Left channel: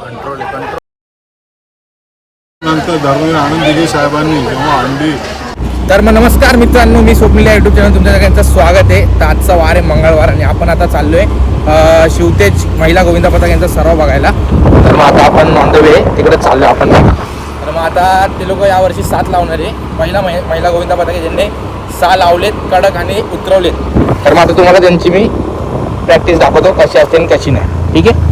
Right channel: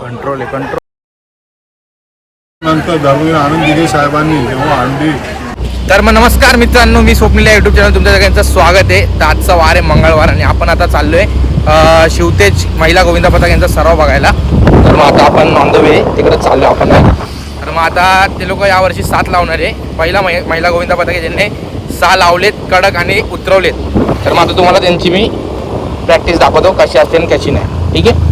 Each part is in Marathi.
कंट्रोल आहे कंट्रोल नंतर धर्मवीर आनंद दिघे साहेबांनी जेव्हा अंडी तर मग नमस्कार मित्रांनो मी स्वप्नील या युट्यूब चॅनल तुमच्या सगळ्यांचं स्वागत आहे. तर आजचा वार आहे मंगळवार आणि आपण आता चाललोय अं, शिवतेज महिला गोविंदा पथक यांचा सराव बघायला. तर मग आता आपण ऑन द वे तिकडे चाललोय आपण तर मग आता ते लोक यावर्षी सात लावणार आहे. पहिला महि- महिला गोविंदा पथक आहे ज्यांनी सहा लावलेत कडक आणि एक उतरवलेत. तर मग आता तुम्हाला त्यांची मी प्रॅक्टिस दाखवतो कशी असते आणि कशी नाही. ठीक आहे?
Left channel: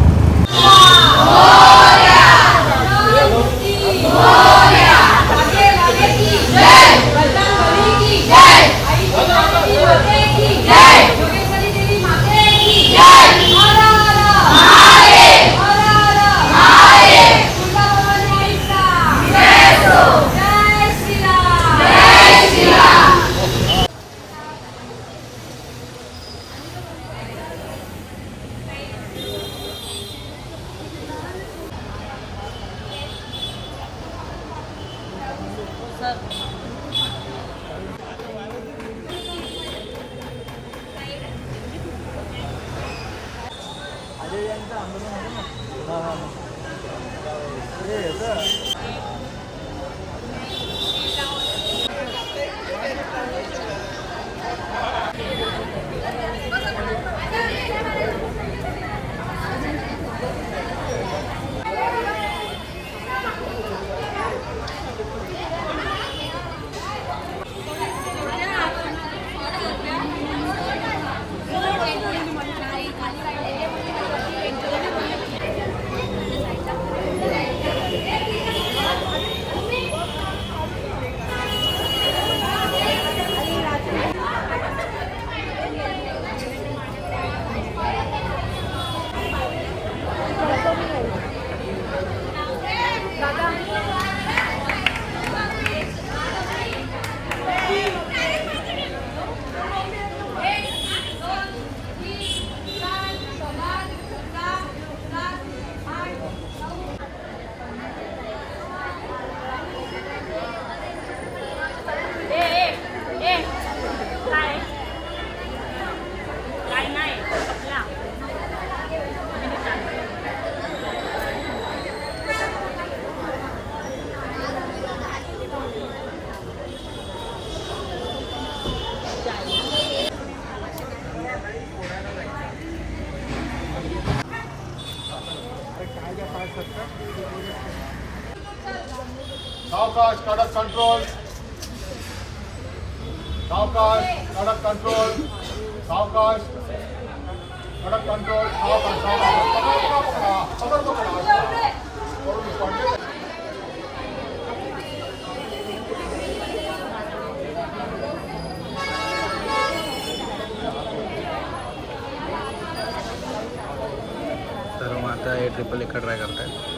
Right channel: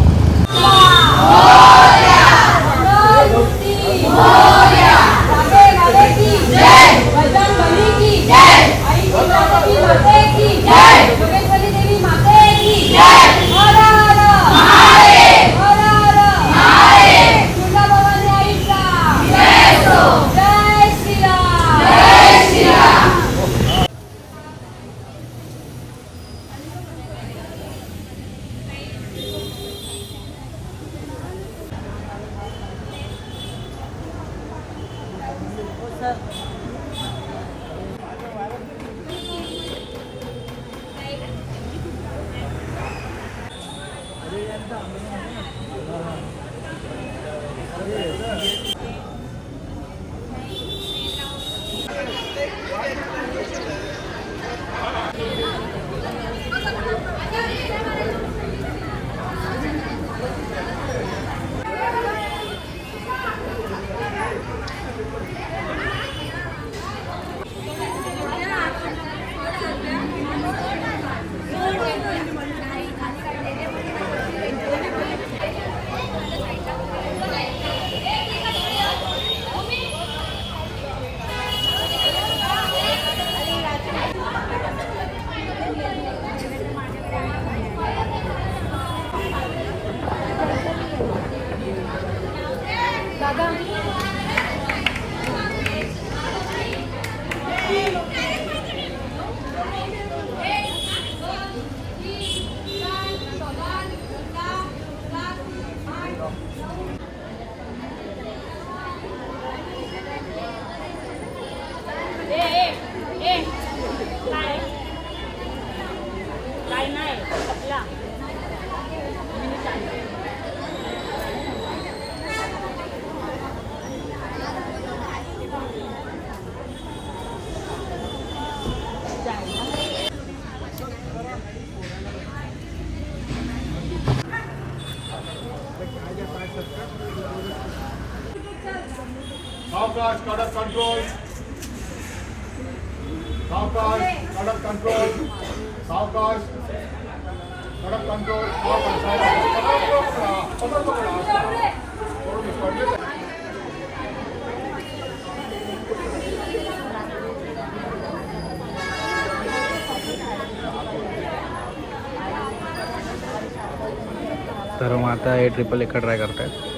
सावकाश कडक कंट्रोल सावकाश सावकाश पकड पकडा, पकडा. तर मग आता हे ट्रिपल एका ट्राय करतायत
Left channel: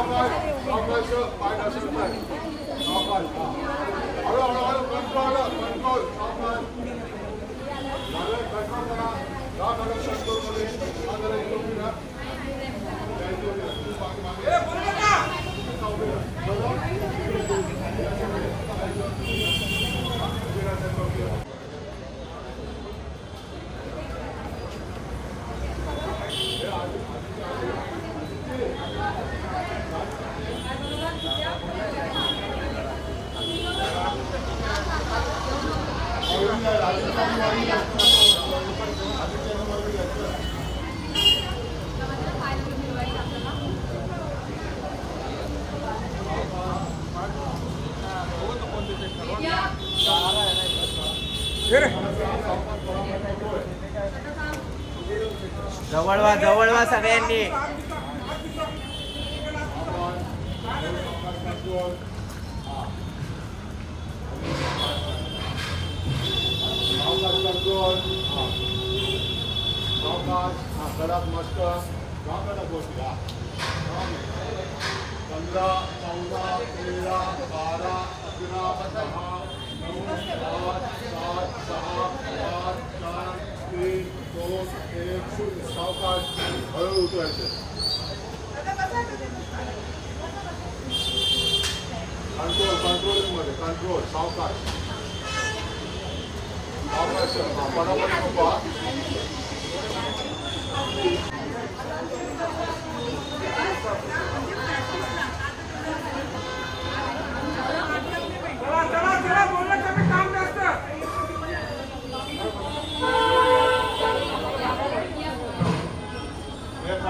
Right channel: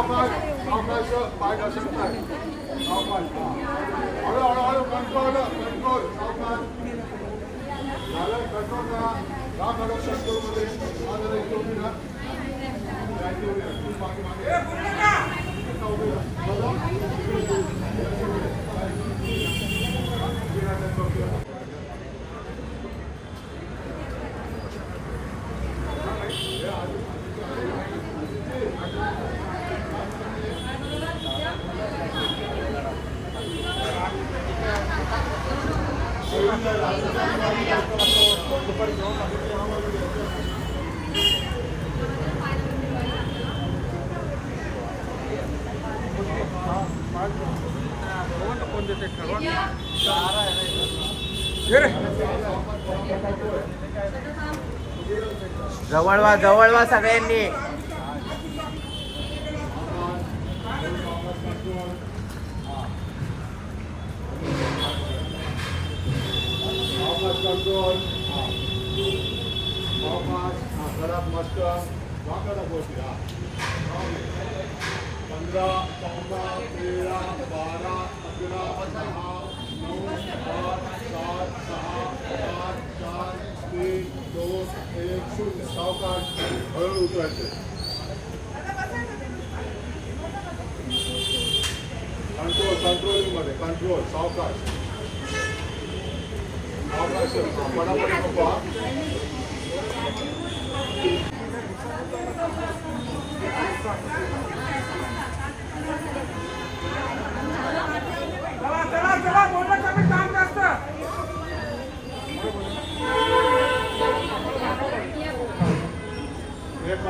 सावकाश सावकाश सावकाश पाय घसरत आहे सावकाश हा हळू हळू हळू कंट्रोल कंट्रोल सावकाश झालं कंट्रोल करा जा मॅडम कंट्रोलमध्ये हा जरा इथे उभी राहा. या इथे उभी राहा. तू मागे मागे इथं उभी राहा. बघा. उभी राहा त्या चौकीवर. जवळ वा जवळ वा सगळ्यांनी सावकाश कंट्रोल हा सावकाश हा घरात मस्त जवळवा जवळवा सगळ्यांनी. पंधरा चौदा तेरा बारा अकरा दहा नऊ आठ सात सहा पाच चार तीन दोन एक शून्य सावकाश हळू उतरायचे कंट्रोल कंट्रोलिंगमध्ये कंट्रोल सावकाश सावकाश हा, पटापट नको हा. हे कडक हा शेतवाचे साडे सावकाश कंट्रोल सावकाश कडक कडक कडक आतमध्ये वा. आतमध्ये वा. सावकाश कडक करू नको कंट्रोल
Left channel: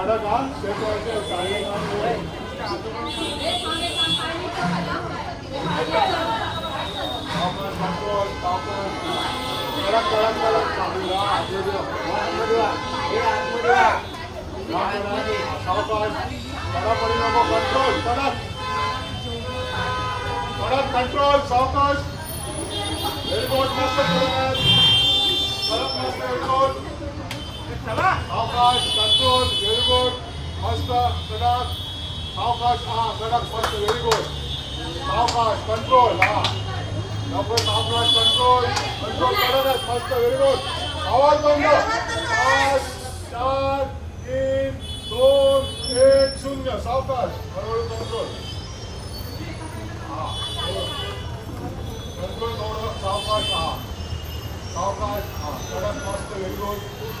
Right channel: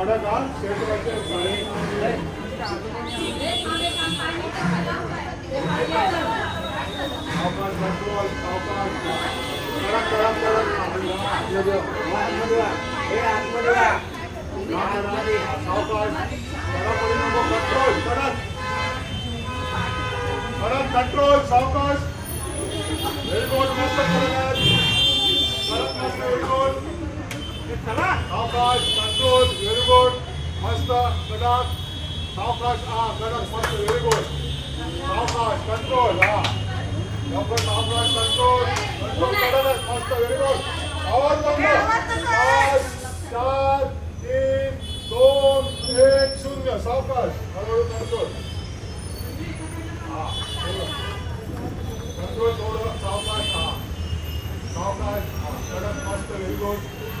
कडक कडक कंट्रोल सावकाश व्हेरी गुड सावकाश कंट्रोल व्हेरी गुड मस्त कडक सावकाश हा कडक मस्त व्हेरी गुड सावकाश कंट्रोल हा. लवकर सावकाश कंट्रोल कंट्रोल कडकच मस्त व्हेरी गुड आवाज बंद. पाच चार तीन दोन एक शून्य. सावकाश. हळूहळू कंट्रोल हा कंट्रोल थोडं सावकाश हा. सावकाश हा कडक मस्त व्हेरी गुड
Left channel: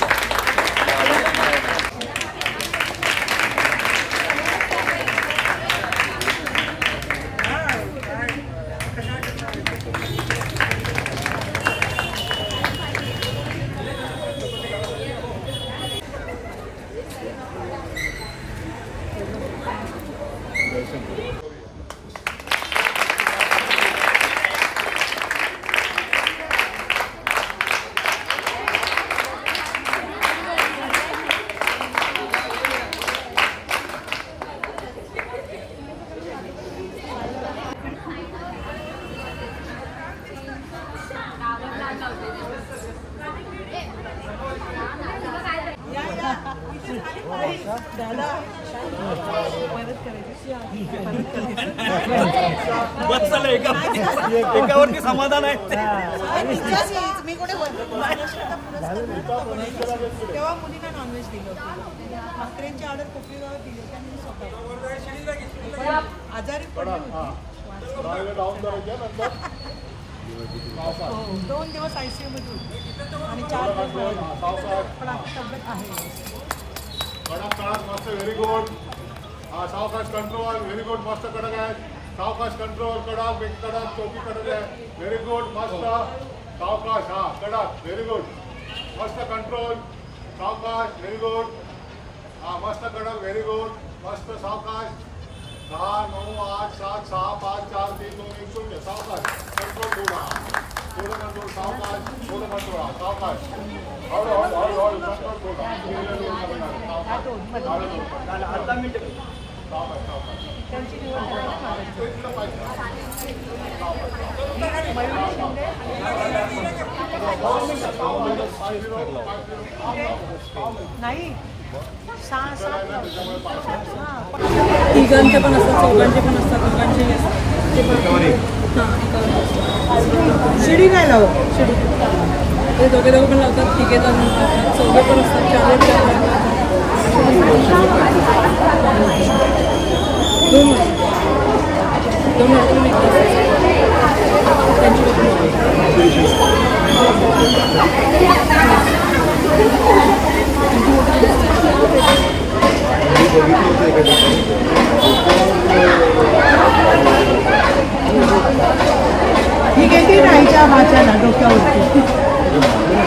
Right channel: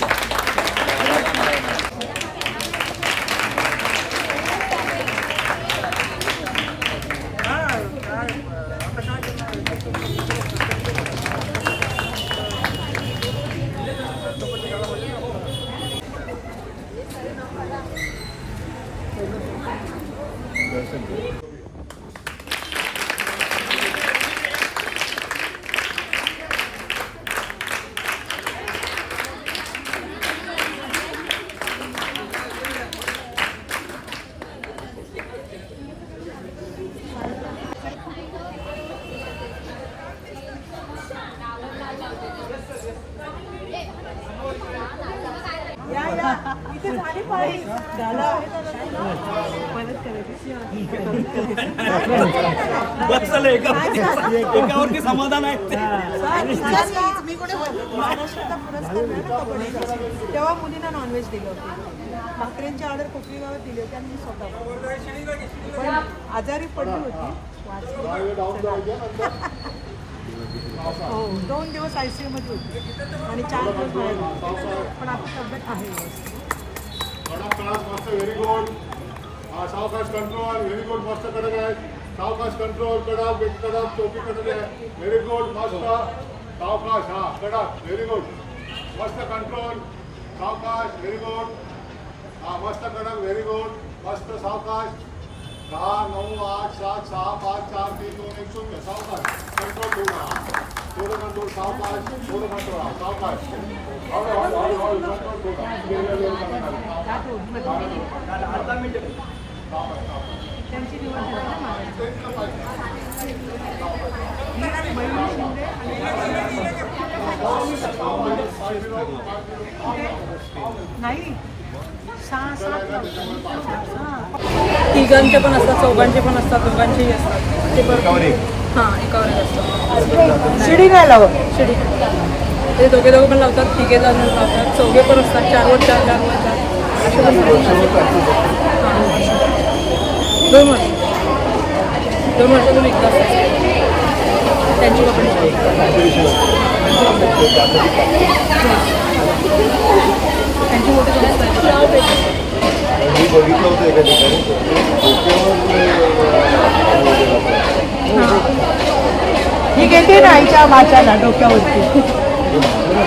बस झालं एका एकावरती समाधान आहे मी कुठे तेव्हा मुलींना नॉनव्हेज दिलं होतं भाकरींची ऑर्डर कुठली दिली होती मी स्वतः आजारी पडली होती. हो दोन दिवस आय सी मध्ये होती. आणि चार दिवस बाहेर पण आता तब्येत आहे मस्त व्हेरी गुड हा सावकाश कंट्रोल व्हेरी गुड मस्त कडक आहे. सावकाश कंट्रोल कडक बेट कडक चौकी कडक आहे. व्हेरी गुड मस्त सावकाश हा कडक व्हेरी गुड मस्त कंट्रोल सावकाश व्हेरी गुड हा मस्त कडक व्हेरी गुड मस्त सावकाश. दहा नऊ आठ सात सहा पाच चार तीन दोन एक शून्य सावकाश कंट्रोल ठेवला थोडं कंट्रोल सावकाश थोडं कंट्रोल सावकाश नाही सहा सात लावतात सहा. तिघांचे पण असतात चौघांचे पण असतात दोघांचेही असतात. ते पण हां एकावर असतात. शिडी नाही लावत शिडी. ते दोघे दोघं पण लावतात तिघे जण लावतात चौघे पण असतात चारवर चार चार लावतात. पण. दोन वर्ष. दोन वर्ष पण एकदा त्यांची लोकं त्यांची मोठी पण असतात ही गेली ना आईच्या भाच्याला डोक्यावरती.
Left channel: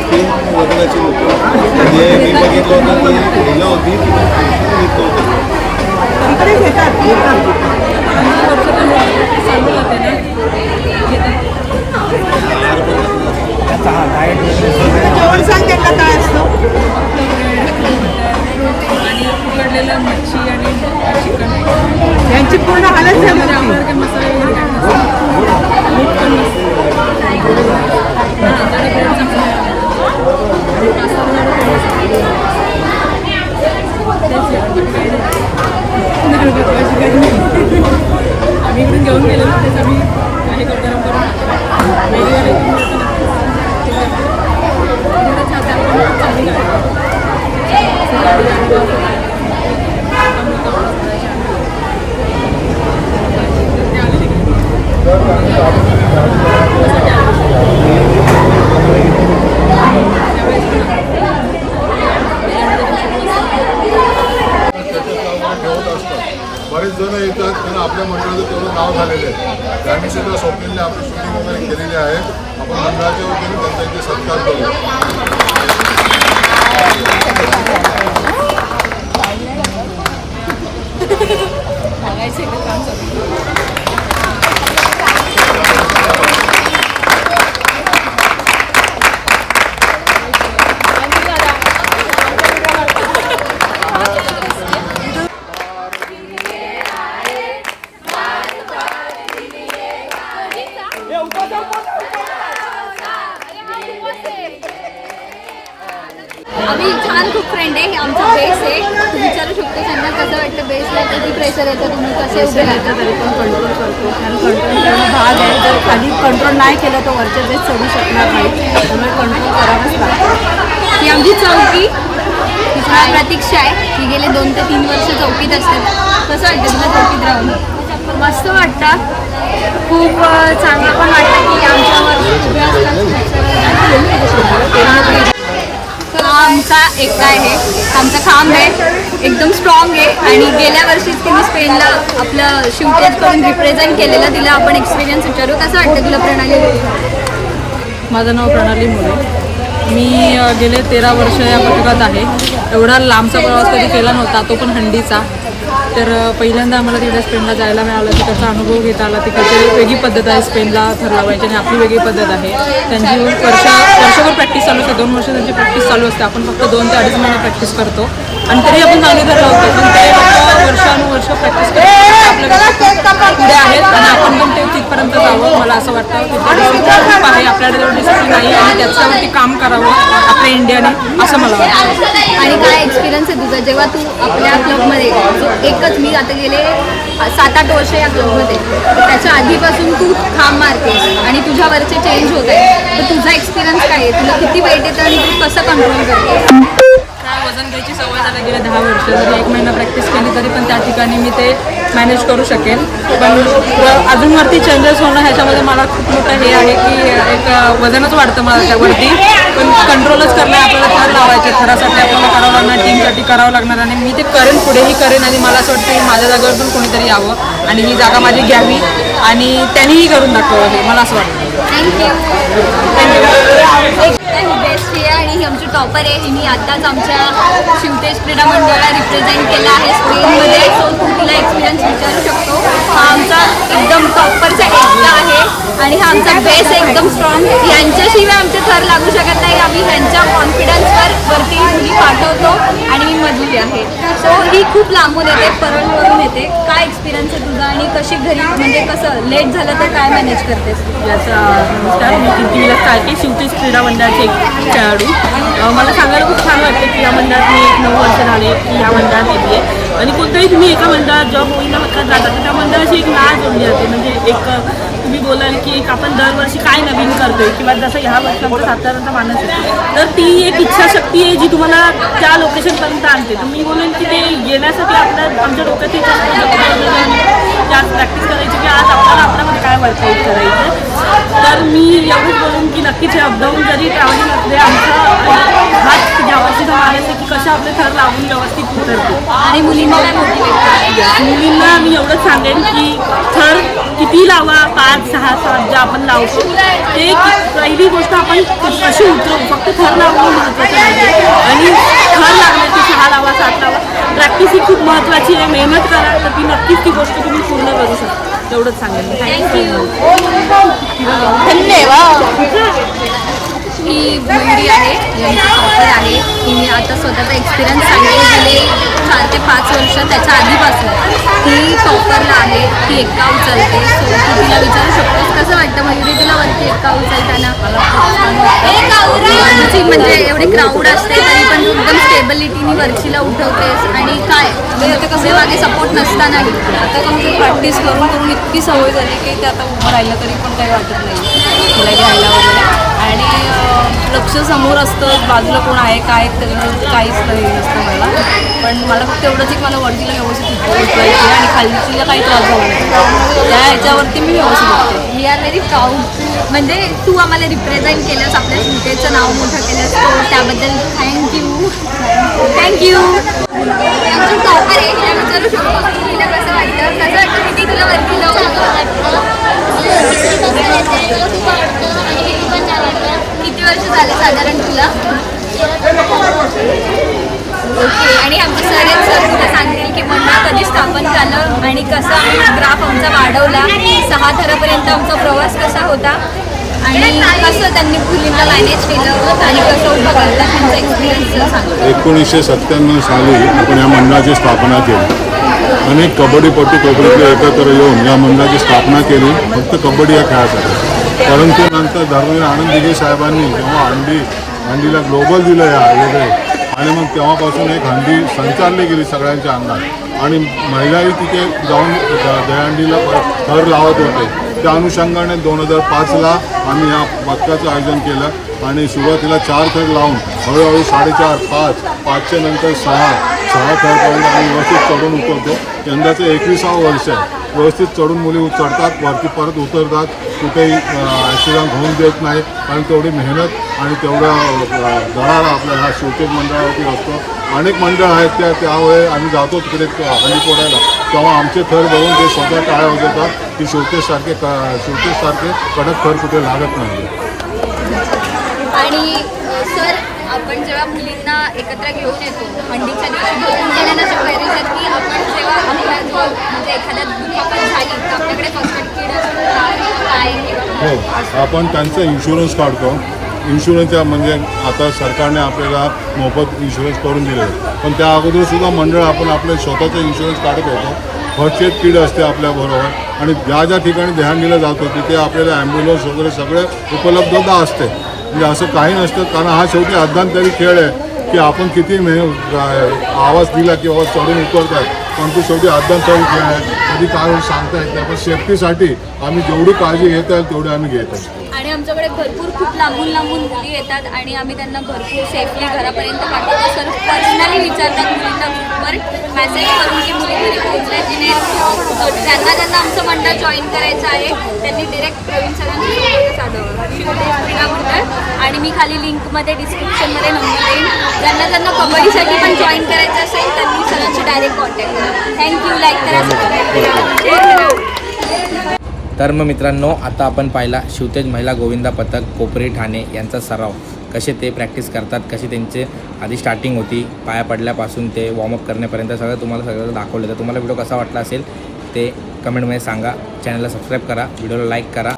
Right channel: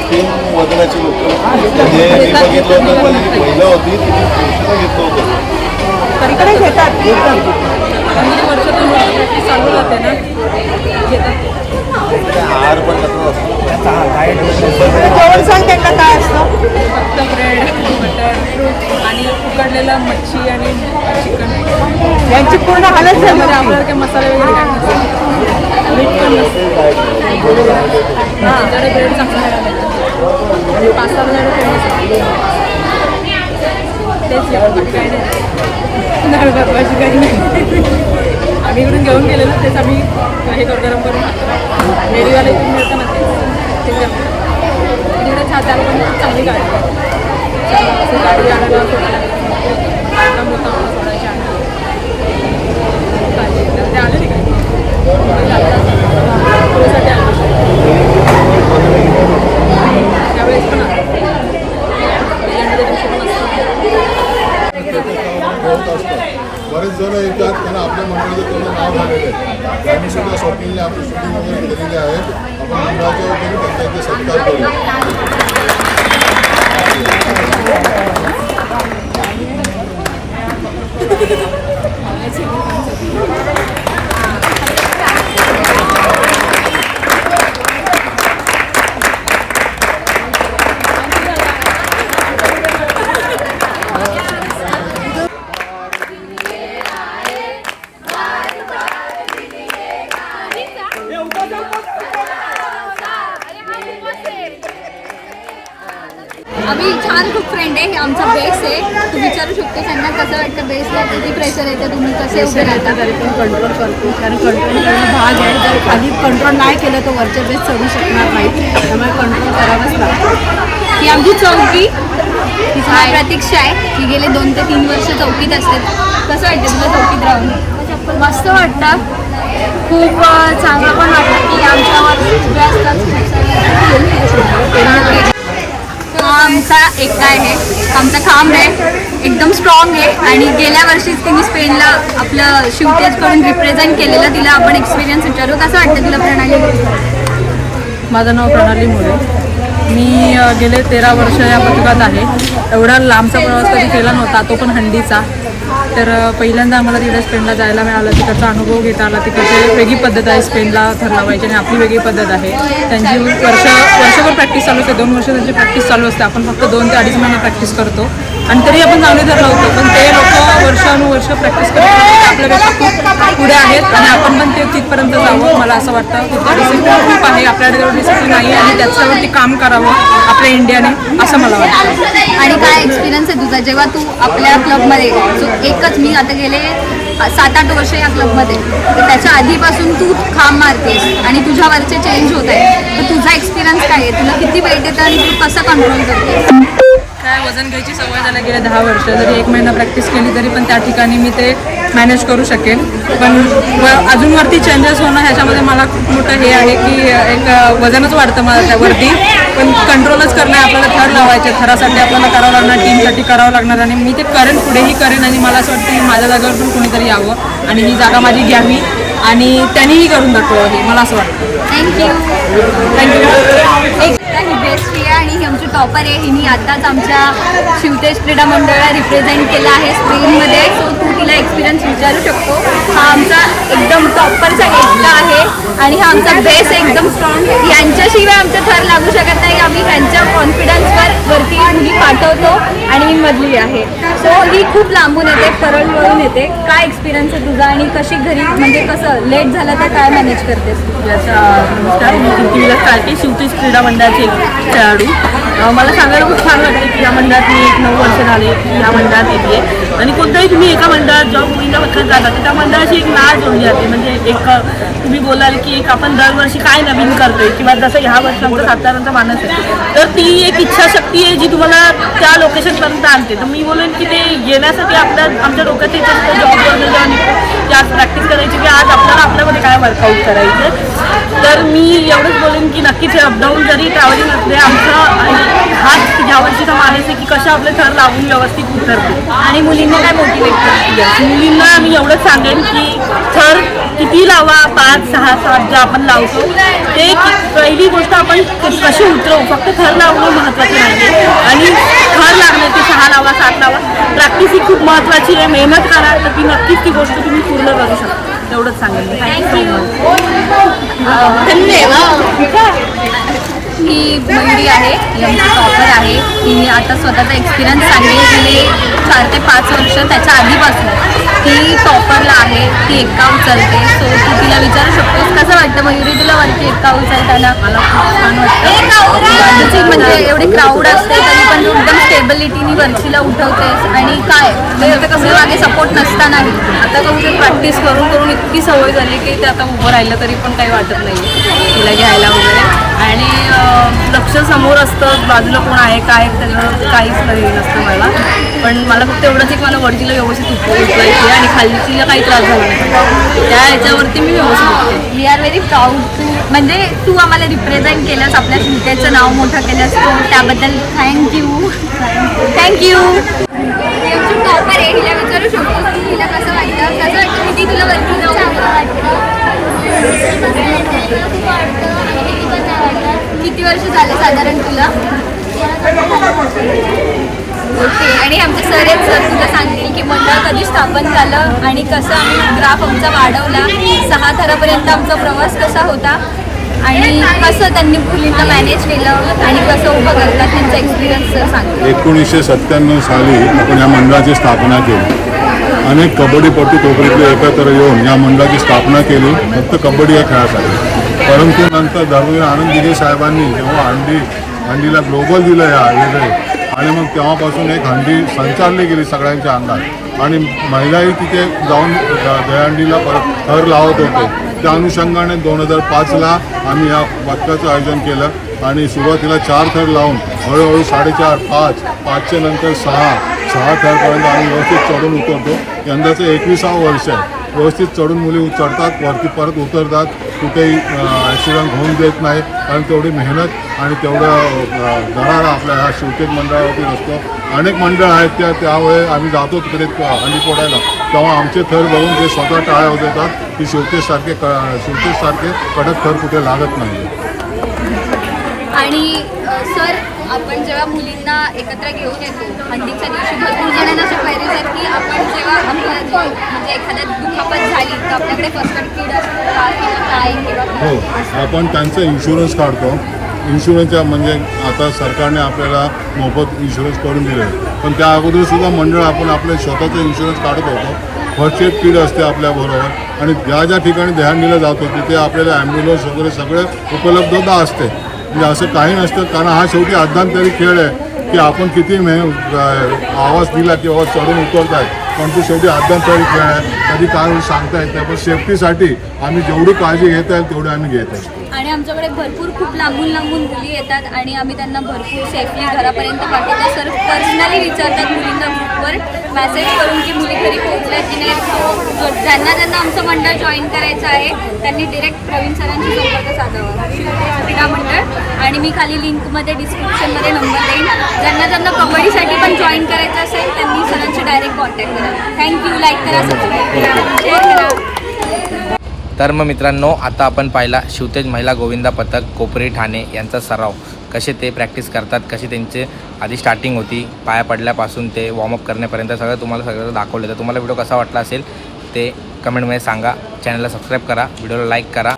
तीन वजनाची होतं म्हणजे मी बघितलं होतं होती घेतलं होतं तिकडे घेतात चालू जाते ना. घेतात आहार पण जेवण सांग त्यांना काय असतं. आणि उकडलेला मच्छी आणि चिकन यांची पूर्ण हालत झाली आपल्याला काही मसाले वगैरे काय नसतं हां ब्रेड चांगला आहे पास्ता वगैरे फेमस तेच आहे, नाही आम्ही इकडून जेवण केलेलं तेच आम्ही हे करतो नंबर वेगवेगळ्या इकडून मिळतं ना ते जेवण. तिकडे छान त्याला पण चांगली गाडी आहे. असं गाडी आणायला थांबवतो आम्हाला सोडायची आणायला. काळजी घेतात. ते आले नाही काय थोड्यासाठी आले त्यावेळेस पण आले. त्याच्यामध्ये दिवशी पण असतात. ठेवत असतात बरेच जण येतात त्यांना आपल्या मंडळाचं तेवढं नाव झालेलं आहे. त्यांनी सुद्धा स्वप्नीलने आपली शूटिंग वगैरे केलेली आहे. आपण मंडळाच्या वगैरे त्यांचा इथे सत्कार करू किती प्रेशर येतं तुम्ही कसे उभे राहता? तरी पण कंट्रोल करतो कारण कंट्रोल करणं भाग आहे. जर खाली कंट्रोल नाही केलं तर वरच्या बेस चढू शकणार नाही. त्यामुळे कंट्रोल करावंच लागतं. ही आमची चौकी. प्रतीक्षा आहे. ही गेले दोन ते तीन वर्ष चौकीत असते. कसं वाटतं तुला चौकीत राहून? मस्त वाटतं. खूप चांगलं पण वाटतं की आमच्यावर उभे असतात. हा आमचा एकटा आहे. आमचा खांब आहे. एकदम स्ट्रॉंग आहे. आणि गेल्या वर्षीच तिने स्पेनला आपलं शिवतेजकडून रिप्रेझेंट केलेलं तिला आपण एक्सपिरियन्स विचारू. कसं वाटतं तुला प्रणाली? माझं नाव प्रणाली मोरे. मी गेले तेरा वर्ष या पथकात आहे. एवढा लांबचा प्रवास कधी केला नव्हता तो पण हंडीचा. तर पहिल्यांदा आम्हाला तिकडे स्पेनला जायला मिळालं. तिकडचा अनुभव घेता आला. तिकडची वेगळी पद्धत आहे स्पेनला थर लावायची आणि आपली वेगळी पद्धत आहे. त्यांची वर्ष वर्षभर प्रॅक्टिस चालू असते. दोन वर्ष त्यांची प्रॅक्टिस चालू असते. आपण फक्त दोन ते अडीच महिने प्रॅक्टिस करतो. आणि तरी आपण चांगले धरलं लावतो पण ते लोक वर्षानुवर्ष प्रॅक्टिस करतात आपल्यापेक्षा खूप पुढे आहेत आणि आपण पण ते तिथपर्यंत जावं मला असं वाटतं. तिथे डिसिप्लिन खूप आहे आपल्याकडे तेवढं डिसिप्लिन नाही आणि त्याच्यावरती काम करावं आपल्या इंडियाने असं मला वाटतं. आणि काय एक्सपिरियन्स आहे तुझा? जेव्हा तू आपल्या क्लबमध्ये जो एकच मी आता गेले सात आठ वर्ष या क्लबमध्ये तर त्याच्या आधीपासून तू खांब मारतेस आणि तुझ्यावरचे चेंज होत आहे तर तुझा एक्सपिरियन्स काय आहे? तुला किती वेट येतं आणि तू कसं कंट्रोल करते काय वजन घ्यायची सवय झाली गेले दहा वर्ष. जरी एक महिना प्रॅक्टिस केली तरी पण त्या ठिकाणी मी ते मॅनेज करू शकेल. पण व- अजून वरती चेंजेस होणं ह्याच्यामध्ये मला खूप मोठं हे आहे की एक वजनच वाढतं मला त्यावरती पण कंट्रोलच करणं आपल्याला थर लावायचे थरासाठी आपल्याला करावं लागणार टीमसाठी करावं लागणार. आणि मी ते करेन पुढेही करेन. आणि मला असं वाटतं की माझ्या जागेवर पण कोणीतरी यावं. आणि ही जागा माझी घ्यावी. आणि त्यांनीही करून दाखवावं हे मला असं वाटतं. Thank you thank you Ekta he best आहे आणि ही आमची टॉपर आहे. हिने आताच आमच्या शिवतेज क्रीडा मंडळाला रिप्रेझेंट केलं आहे स्पेनमध्ये सो तू तिला एक्सपिरियन्स विचारू शकतो. हा आमचा एकदम टॉपरचा एकदा आहे. आणि हा आमचा बेस एकदम स्ट्रॉंग यांच्याशिवाय आमचं थर लागू शकत नाही. आम्ही ह्यांच्या कॉन्फिडन्सवर वरती मुली पाठवतो आणि मी मधली आहे. सो ही खूप लांबून येते परळवरून येते. काय एक्सपिरियन्स आहे तुझा आणि कशी घरी म्हणजे कसं लेट झालं तर काय मॅनेज करतेस? तू याचा uh, नमस्कार मी कीर्ती विलास काळके शिवतेज क्रीडा मंडळाचे एक खेळाडू. मला सांगायला खूप छान वाटते की या मंडळात मी एक नऊ वर्ष झाले की या मंडळात येते. आणि कोणत्याही तुम्ही एका मंडळात जॉब होईला पत्रक जाता तर त्या मंडळाची एक नाळ जोडली जाते. म्हणजे एक तुम्ही बोलाल की एक आपण दरवर्षी काय नवीन करतोय किंवा जसं ह्या वर्षी आमचा सातारांचा मानस आहे तर ती एक इच्छाशक्ती आहे जी तुम्हाला त्या लोकेशनपर्यंत आणते. तर मी बोलेन की ते येण्यासाठी आपल्या आमच्या डोक्यात येत असतं जॉबवर जेव्हा निघतो आज प्रॅक्टिस करायची की आज आपल्याला आपल्यामध्ये काय वर्कआउट करायचं तर मी एवढंच बोलेन की नक्कीच हे अपडाऊन जरी ट्रॅव्हलिंग असले आमचा हाच ह्या वर्षीचा मानस आहे की कशा आपले थर लावून व्यवस्थित उतरतो. आणि मुलींना काय मोटिवेट करते? मुलींना मी एवढंच सांगेन की थर किती लावा पाच सहा सात जे आपण लावतो ते पहिली गोष्ट आपण कशी उतरवू? फक्त थर लावणं महत्त्वाचं नाही आहे आणि थर लागणं की सहा लावा सात लावा प्रॅक्टिस ही खूप महत्त्वाची आहे. मेहनत करा तर ती नक्कीच ती गोष्ट तुम्ही पूर्ण करू शकता. एवढंच सांगेन. मी थँक्यू सो मच ही मयुरी आहे ही आमची टॉपर आहे. तिने आता स्वतःचा एक्सपिरियन्स सांगेल गेले चार ते पाच वर्ष त्याच्या आधीपासून. ती टॉपरला आहे ती एक्का उचलते. सो तू तिला विचारू शकतोस. कसं वाटतं मयुरी तुला वरती एक्का उचलताना? मला खूप छान वाटतं. म्हणजे एवढे क्राऊड असते तरी पण एकदम स्टेबिलिटीनी वरचीला उठवतेस. आणि काय? म्हणजे कसं मागे सपोर्ट नसतानाही. आता कसं प्रॅक्टिस करून करून इतकी सवय झाली की ते आता उभं राहिलं तरी पण काही वाटत नाही तिला घ्यायला वगैरे. आणि लक्ष समोर असतं बाजूला कोण आहे काय त्याच्यावर काहीच नाही नसतं मला. पण मला फक्त एवढंच एक मला वडकीला व्यवस्थित उठ उठवायची आणि खालचीला काही त्रास झाला नाही. त्या ह्याच्यावरती मी व्यवस्थित उठते we are very proud to म्हणजे तू आम्हाला रिप्रेझेंट केलंस आपल्या शिवतेचं नाव मोठं केलंस तू त्याबद्दल थँक्यू थँक्यू आमची टॉपर आहे हिला विचारू शकतो की हिला कसं वाटतं? कसं वाटतं किती तुला वरती नाव किती वर्ष झाले साधारण तुला? ओके आणि आमचे सर आहेत सर तुला सांगतील की मंडळ कधी स्थापन झालं आणि कसा आम्ही ग्राफ आमचा वाढवला. सहा थरापर्यंत आमचा प्रवास कसा होता आणि कसं त्यांनी मुलींना मॅनेज केलं आणि कसं उभं करतात तुमचा एक्सपिरियन्स सांग. एकोणीसशे सत्त्याण्णव साली आपण या मंडळाची स्थापना केली. अनेक कबड्डीपटू कोपरीतले एकत्र येऊन या मंडळाची स्थापना केली. फक्त कबड्डी या खेळासाठी. परंतु नंतर धर्मवीर आनंद दिघे साहेबांनी जेव्हा हंडी हंडीला ग्लोबल दिलं या वेगळे आणि मग तेव्हापासून एक हंडी संचारली गेली सगळ्यांच्या अंगात. आणि महिलाही तिथे जाऊन द- दहीहंडीला परत थर लावत होते. त्या अनुषंगाने दोन हजार पाचला आम्ही या पथकाचं आयोजन केलं. आणि सुरुवातीला चार थर लावून हळूहळू साडेचार पाच पाचच्या नंतर सहा सहा थरपर्यंत आम्ही व्यवस्थित चढून उतरतो. यंदाचं एकविसावं वर्ष आहे. व्यवस्थित चढून मुली चढतात वरती परत उतरतात. कुठेही ॲक्सिडंट होऊन देत नाही. कारण तेवढी मेहनत आणि तेवढा अ, आपल्या ह्या शिवतेक मंडळावरती असतो. अनेक मंडळ आहेत त्या त्यावेळे आम्ही जातो तिकडे हल्ली पोडायला. तेव्हा आमचे थर बघून ते स्वतः टाळ्या होत की शिवतेसारखे क शिवतेसारखे कडक थर कुठे लागत नाही आणि सर आपण जेव्हा मुलींना एकत्र घेऊन येतो हंडीच्या दिवशी भरपूर जणांना अशा क्वायरीज आहेत की आपण जेव्हा आपल्या म्हणजे एखाद्या दुखापत झाली तर आपल्याकडे फर्स्ट एड किट असतं का किंवा काय किंवा हो आपण त्यांचा इन्शुरन्स काढतो. इन्शुरन्सच्या म्हणजे आता सरकारने आपल्याला मोफत इन्शुरन्स करून दिले पण त्या अगोदर सुद्धा मंडळ आपण आपलं स्वतःचं इन्शुरन्स काढत होतो. फर्स्ट एड किट असते आपल्याबरोबर. आणि ज्या ज्या ठिकाणी ध्यान जातो तिथे आपल्याला ॲम्ब्युलन्स वगैरे सगळं उपलब्धता असते. म्हणजे असं काही नसतं. कारण हा शेवटी अज्ञानतरी खेळ आहे की आपण किती मे आवाज दिला की आवाज चढून उतरतायत पण तो शेवटी अज्ञानतरी खेळ आहे. कधी काय सांगता येत नाही पण सेफ्टीसाठी आम्ही जेवढी काळजी घेत आहे तेवढी आम्ही घेत असतो. आणि आमच्याकडे भरपूर खूप लांबून लांबून मुली येतात आणि आम्ही त्यांना भरपूर सेफली घरापर्यंत पाठवतो. सर पर्सनली विचारतात मुलींना ग्रुपवर मेसेज करून की मुली घरी पोहोचल्या की नाही? जो ज्यांना ज्यांना आमचं मंडळ जॉईन करायचं आहे त्यांनी डिरेक्ट प्रवीण सरांशी संपर्क साधावा. क्रीडा मंडळ. आणि मी खाली लिंकमध्ये डिस्क्रिप्शनमध्ये नंबर देईन. ज्यांना ज्यांना कबड्डीसाठी पण जॉईन करायचं असेल त्यांनी सरांशी डायरेक्ट कॉन्टॅक्ट करा. थँक्यू लाईक करा सबस्क्राईब करा. शेअर करा. तर मग मित्रांनो आता आपण पाहिला शिवतेज महिला गोविंदा पथक कोपरी ठाणे यांचा सराव. कसे ते प्रॅक्टिस करतात कशी त्यांचे आधी स्टार्टिंग होती पाया पडल्यापासून ते वॉर्मअप करण्यापर्यंत सगळं तुम्हाला सगळं दाखवलं. तर तुम्हाला व्हिडिओ कसा वाटला असेल ते कमेंटमध्ये सांगा. चॅनलला सबस्क्राईब करा. व्हिडिओला लाईक करा.